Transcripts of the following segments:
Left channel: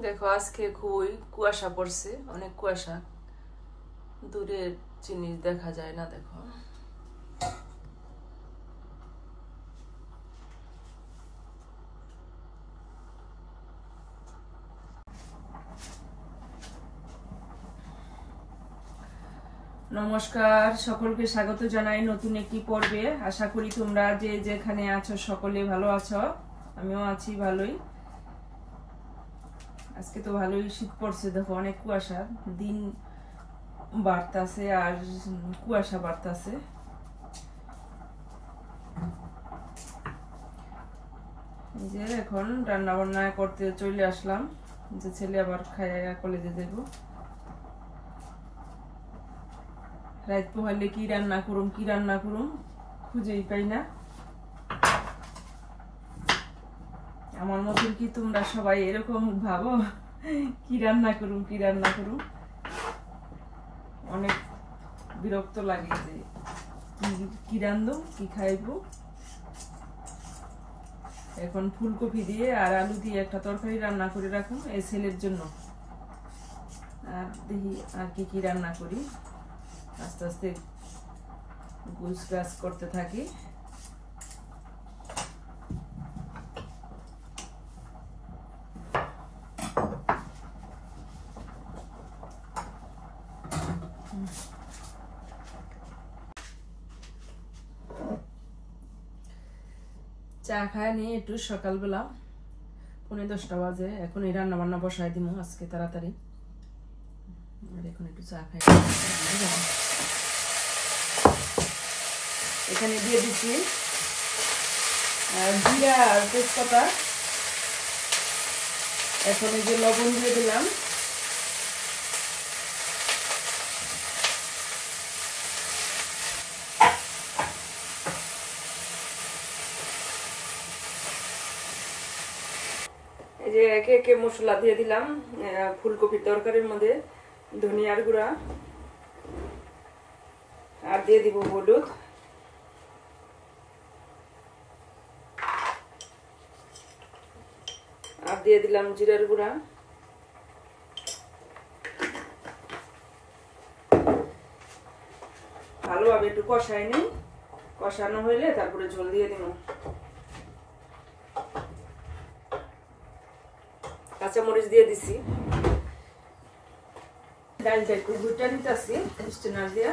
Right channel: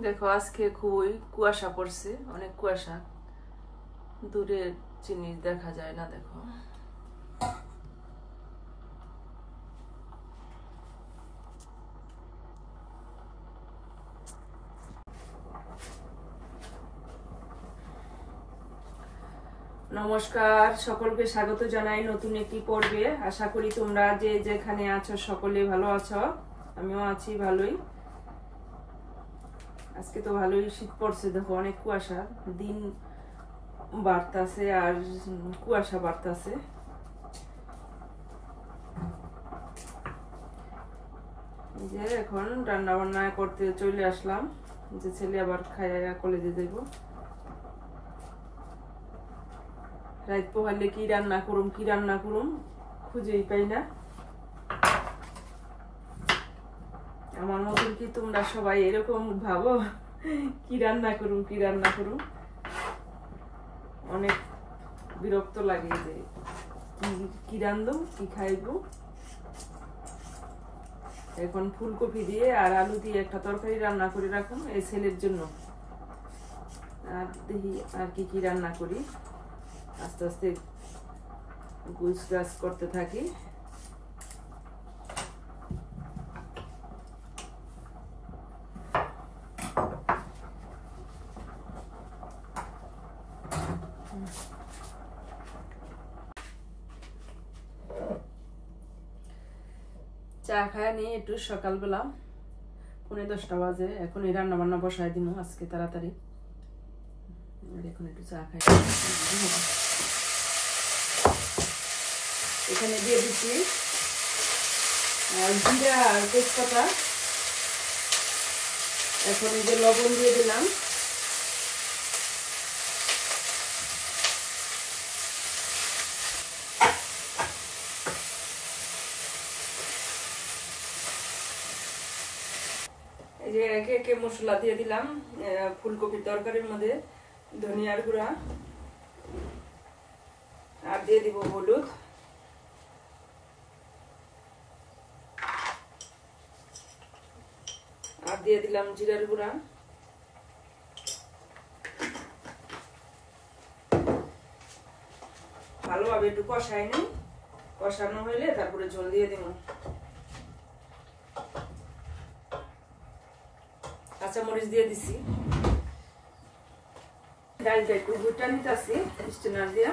দেখো আজকে খুবই কুয়াশা পড়ছে, অনেক কুয়াশা, দূরের জিনিস দেখা যায় না। দেখো নমস্কার, সকলকে স্বাগত জানাই নতুন একটি পর্বে। আশা করি তোমরা যে যেখানে আছো সকলে ভালো আছো, আমিও আছি ভালোই। আজকে তো ভালোই শীত পড়ছে, দেখো অনেক কুয়াশা, দিন বাড়তাছে আর কুয়াশা বাড়তাছে। এই যে এখন রান্না বান্না করতে চলে আসলাম, যে ছেলে আবার খাইয়া কলেজে যাইব। রাত পোহালে কি রান্না করুম খুঁজেই পাই না। আমার মতন কি তোমরা সবাই এরকম ভাবো কি রান্না করুম? অনেক বিরক্ত লাগে যে কি রান্ধব, কি খাইব। এখন ফুলকপি দিয়ে আর আলু দিয়ে একটা তরকারি রান্না করে রাখুন এই ছেলের জন্য। আর দেখি আর কি রান্না করি, আস্তে আস্তে গুছ গাছ করতে থাকি। চা খায় নিয়ে একটু সকালবেলা 9:30 বাজে, এখন এই রান্না বান্না বসাই দিব আজকে তাড়াতাড়ি। এখন একটু চা খাই। এখানে দিয়ে দিচ্ছি জিরা আর তেজপাতা। এখন এই যে লবণ দিয়ে দিলাম। এই যে একে একে মশলা দিয়ে দিলাম ফুলকপির তরকারির মধ্যে। ধনিয়ার গুঁড়া আর দিয়ে দিব হলুদ, আর দিয়ে দিলাম জিরার গুঁড়া। ভালোভাবে একটু কষাই নিই, কষানো হইলে তারপরে ঝোল দিয়ে দিব। কাঁচামরিচ দিয়ে দিছি। ডালটা একটু ভুট্টা নিতেছি স্টেনার দিয়া।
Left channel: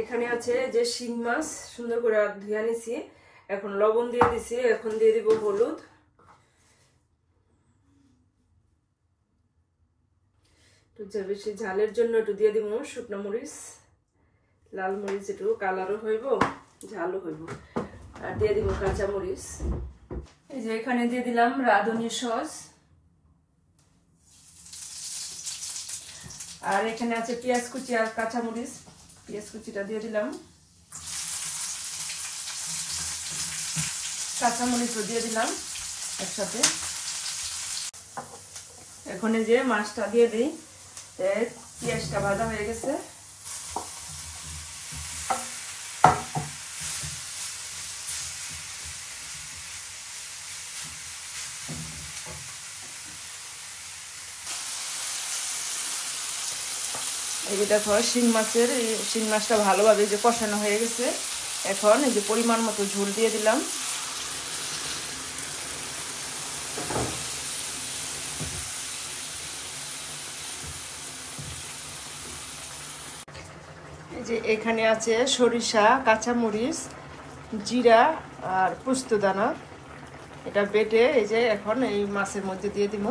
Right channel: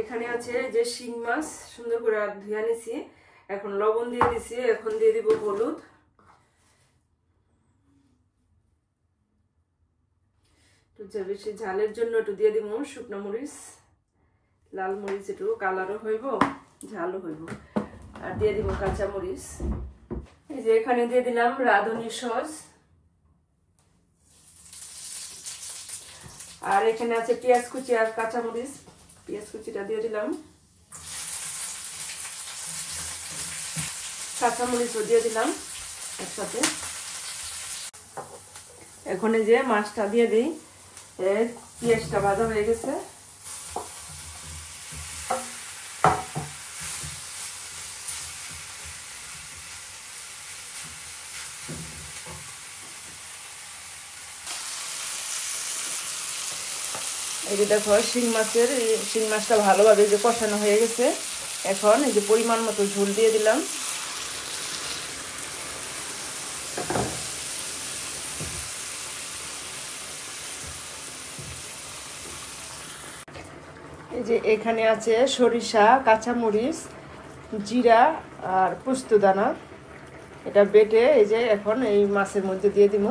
এখানে আছে যে শিং মাছ, সুন্দর করে ধুয়ে নিছি। এখন লবণ দিয়ে দিছি, এখন দিয়ে দিব হলুদ। বেশি ঝালের জন্য একটু দিয়ে দিব শুকনো মরিচ, লাল মরিচ, একটু কালারও হইব ঝালও হইব। আর দিয়ে দিব কাঁচা মরিচ। এই যে এখানে দিয়ে দিলাম রাঁধুনি সস। আর এখানে আছে পেঁয়াজ কুচি আর কাঁচা মরিচ, পেঁয়াজ কুচিটা দিয়ে দিলাম। কাঁচা মরিচও দিয়ে দিলাম একসাথে। এখন এই যে মাছটা দিয়ে দিই। পেঁয়াজটা ভাজা হয়ে গেছে। এই যে দেখো শিং মাছটা ভালোভাবে যে কষানো হয়ে গেছে। এখন এই যে পরিমাণ মতো ঝোল দিয়ে দিলাম। এই যে এখানে আছে সরিষা, কাঁচামরিচ, জিরা আর পোস্তদানা, এটা বেটে এই যে এখন এই মাছের মধ্যে দিয়ে দিব।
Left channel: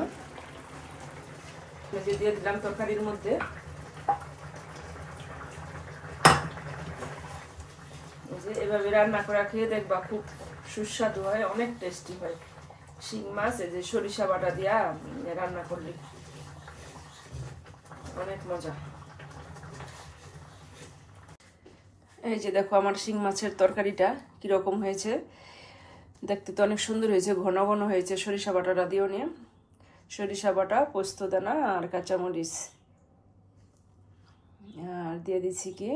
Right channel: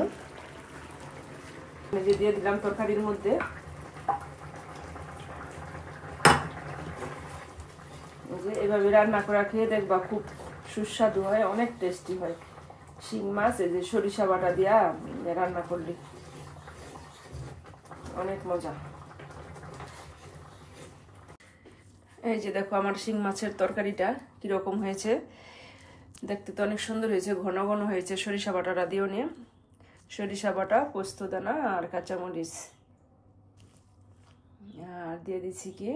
দিয়ে দিলাম তরকারির মধ্যে। এভাবে রান্না করে খেয়ে দেখবা, খুব সুস্বাদু হয়, অনেক টেস্টি হয়। শিং মাছ এই যে সরিষা বাটা দিয়া রান্না করলে অনেক মজা। এই যে দেখো আমার শিং মাছের তরকারিটা কিরকম হয়েছে, দেখতে তো অনেক সুন্দর হয়েছে, ঘন ঘন হয়েছে। সরিষা বাটাটা দিও নিয়ে, সরিষা বাটা, পোস্তদানা আর কাঁচামরিচ, আর দিয়ে দিচ্ছি কি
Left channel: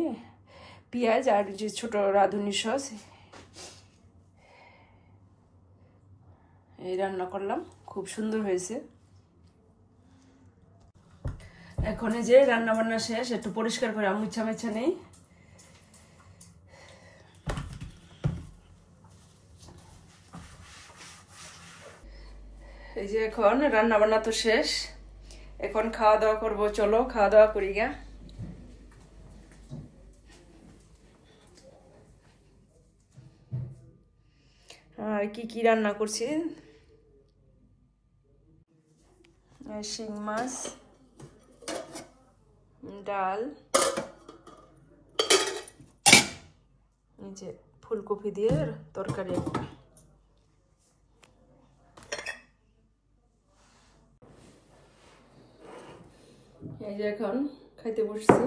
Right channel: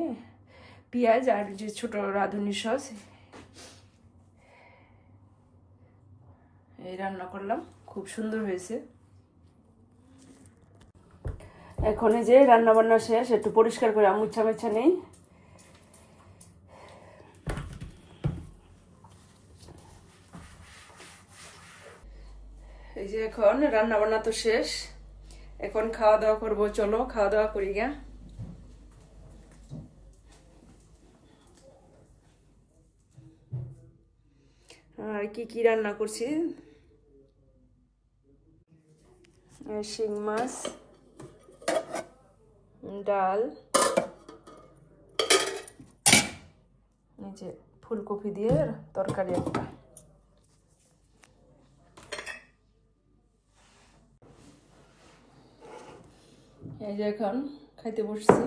পেঁয়াজ আর যে ছোট রাঁধুনি সস। এই রান্না করলাম, খুব সুন্দর হয়েছে। এখন এই যে রান্না বান্না শেষ, একটু পরিষ্কার করে মুছা মুছা নেই। এই যে এখন রান্না বান্না তো শেষ, এখন খাওয়া দাওয়া করবো। চলো খাওয়া দাওয়া করি গা। আর কি কি রান্না করছি, শিং মাছ, ডাল, এই যে ফুলকপি দিয়ে তরকারি একটা। এই যে এখন খাইতে বসছি।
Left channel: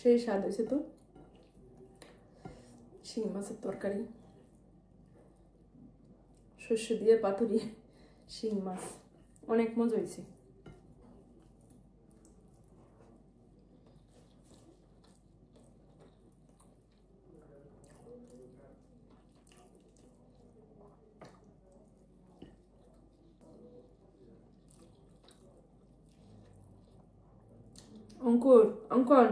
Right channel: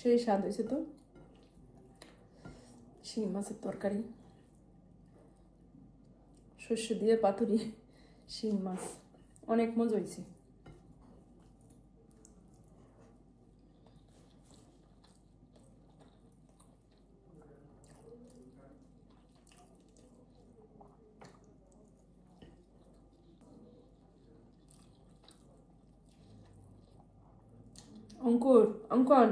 সেই স্বাদ হয়েছে তো, শিং মাছের তরকারি, সর্ষে দিয়ে পাতুরি শিং মাছ, অনেক মজা হয়েছে। অঙ্কুর, অঙ্কন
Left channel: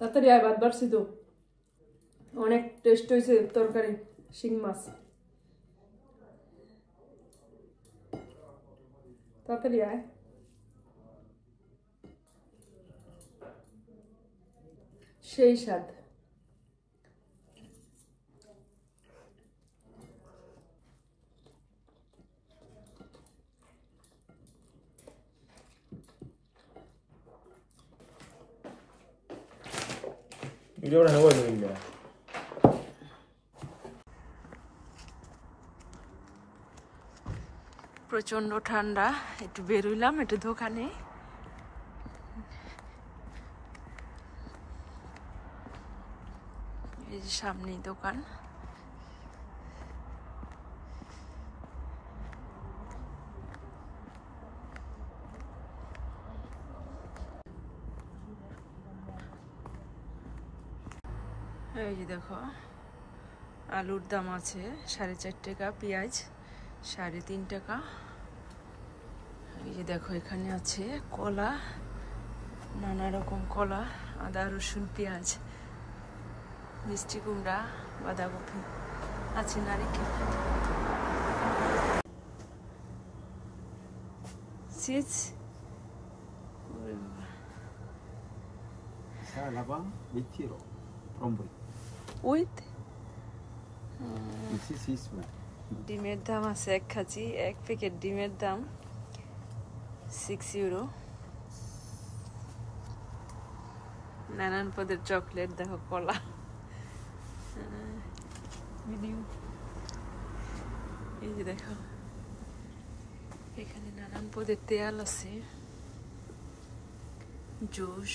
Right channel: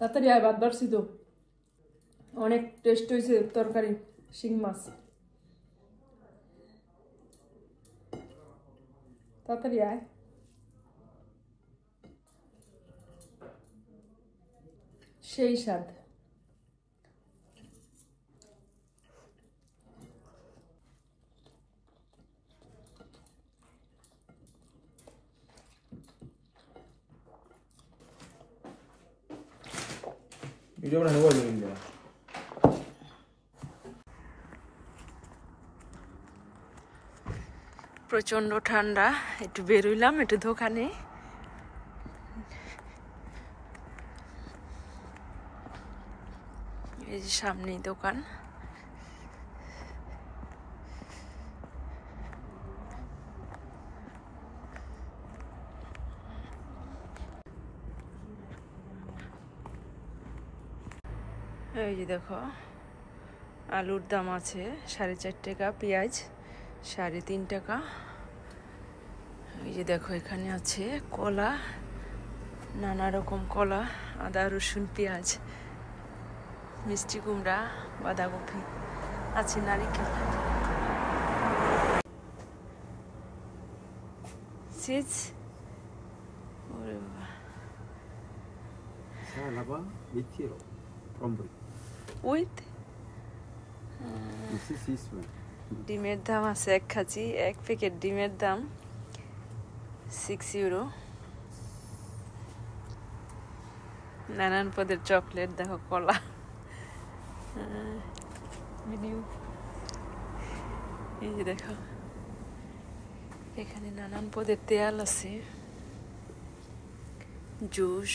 তাড়াতাড়ি আয়, ভাত বাড়ছি তো, অনেক টেস্ট হয়েছে তরকারি শিং মাছ, তাড়াতাড়ি আয়। সেই স্বাদ। প্রচন্ড ঠান্ডা, একটু বেরোইলাম একটু দোকানে। এই যে সামনেই দোকান। এই যে দেখো আলুর দাম আছে 4.5 টাকা, পেঁয়াজ 3.5 টাকা। এই যে দেখো এখানে আছে কলা, নানা রকম কলা, আদা রসুন পেঁয়াজ, মিষ্টি কুমড়া, বাঁধাকপি আছে, নারিকেল, চিজ। উইথ ডিমের দাম আছে 1 কেজি, 1 প্যাকেট ডিমের দাম 6 ইউরো। নানান পদের চকলেট, দেখো কলা, ভিডিও। এই যে দেখো এখানে নানান পদের তেল আছে, জুস,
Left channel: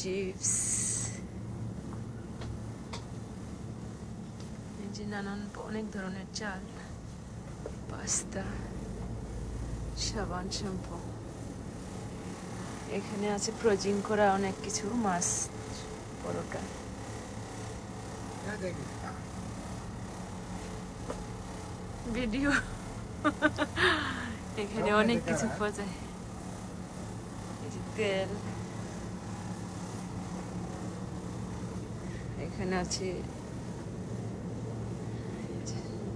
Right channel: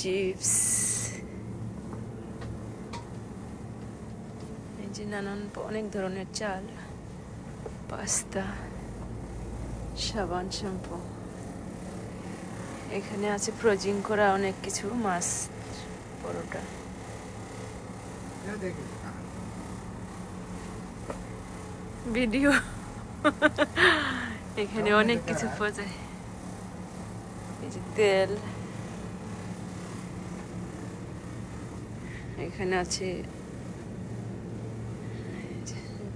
চিপস, এই যে নানান অনেক ধরনের চাল, পাস্তা, সাবান, শ্যাম্পু। এখানে আছে ফ্রোজিং করা অনেক কিছু, মাছ, পরোটা। ভিডিও। এখানে অনেক কিছু পাওয়া যায়, এই যে তেল, এখানে আছে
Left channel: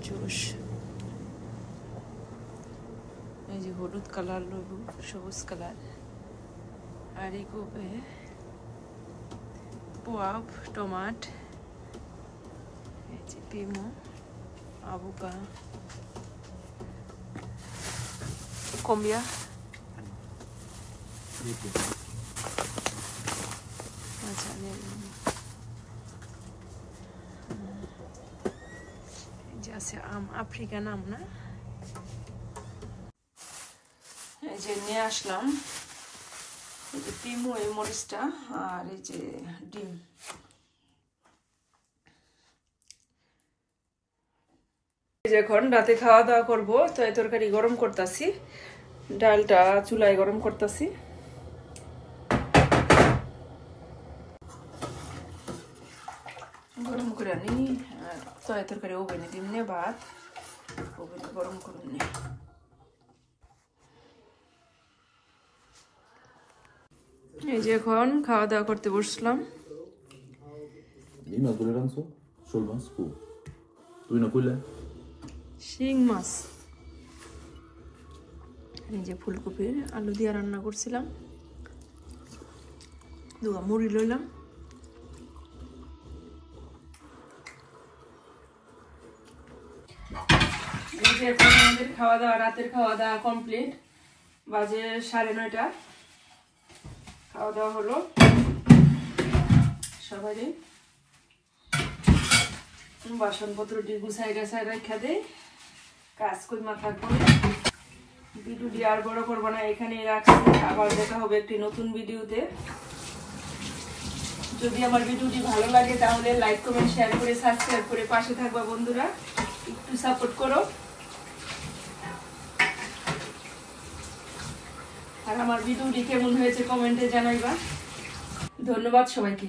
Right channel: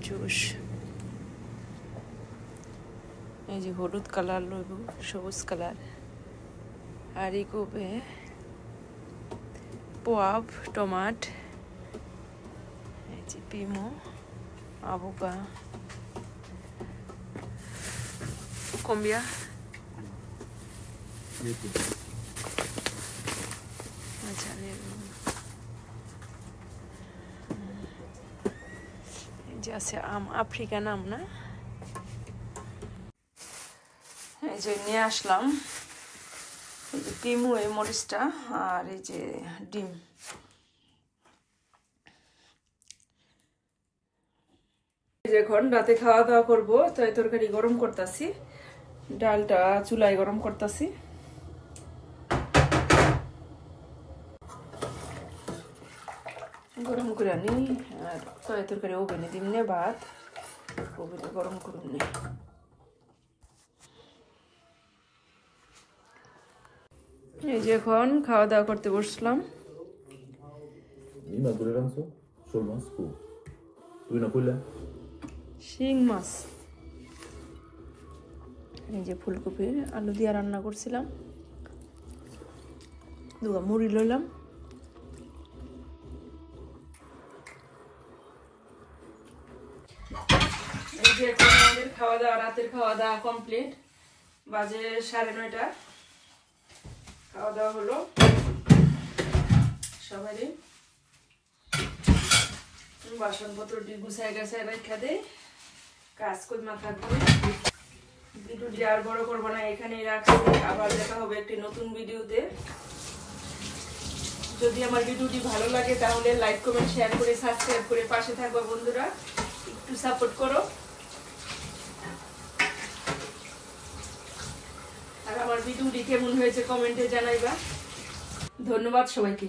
জুস, এই যে হলুদ কালার লেবু, সবুজ কালার, আর এগোবে পোয়াব, টমাট, এই যে পিমো, আবুকা, কম্বিয়া, আচ্ছা, এই যে যে আছে আম, আফ্রিকান আম না? এই যে নিয়ে আসলাম এই যে তিমু, এই মরিচটা, আর এই যে ডিম। এখন রাতে খাওয়া দাওয়া করবো, তো এই তরকারি গরম করতেছি, ডালটা চুলায় গরম করতেছি। গরম করে আনি, আর তো এই তরকারি ওভেনে দিম নে, ভাত ওভেনে গরম করুন নে। এই যে এখন খাওয়া দাওয়া করতে বসলাম। শিং মাছ, এই যে ফুলকপির আলু দিয়ে রান্না করছিলাম, দুগা মুড়ি লইলাম। এই যে এখন আমাদের খাওয়া দাওয়া, রাতের খাওয়া দাওয়া কমপ্লিট, বাজে 9:30। খাওয়া দাওয়া হলো সবাই, বাসনপত্র গুছাই গাছাই রেখা দেয়, কাজ করি মাথা থাকবো। ভিডিওটি আর বড় করবো না, এখানেই রাখছি। আবার দেখা হবে একটি নতুন ভিডিওতে। যদি আমার ভিডিওটি ভালো লাগে তাহলে লাইক কমেন্ট শেয়ার করে সাবস্ক্রাইব করে পাশে থাকবা বন্ধুরা, একটু সাপোর্ট করো। আর আমার ভিডিওটি কেমন হয়েছে কমেন্টে জানাইবা। ধন্যবাদ সবাইকে।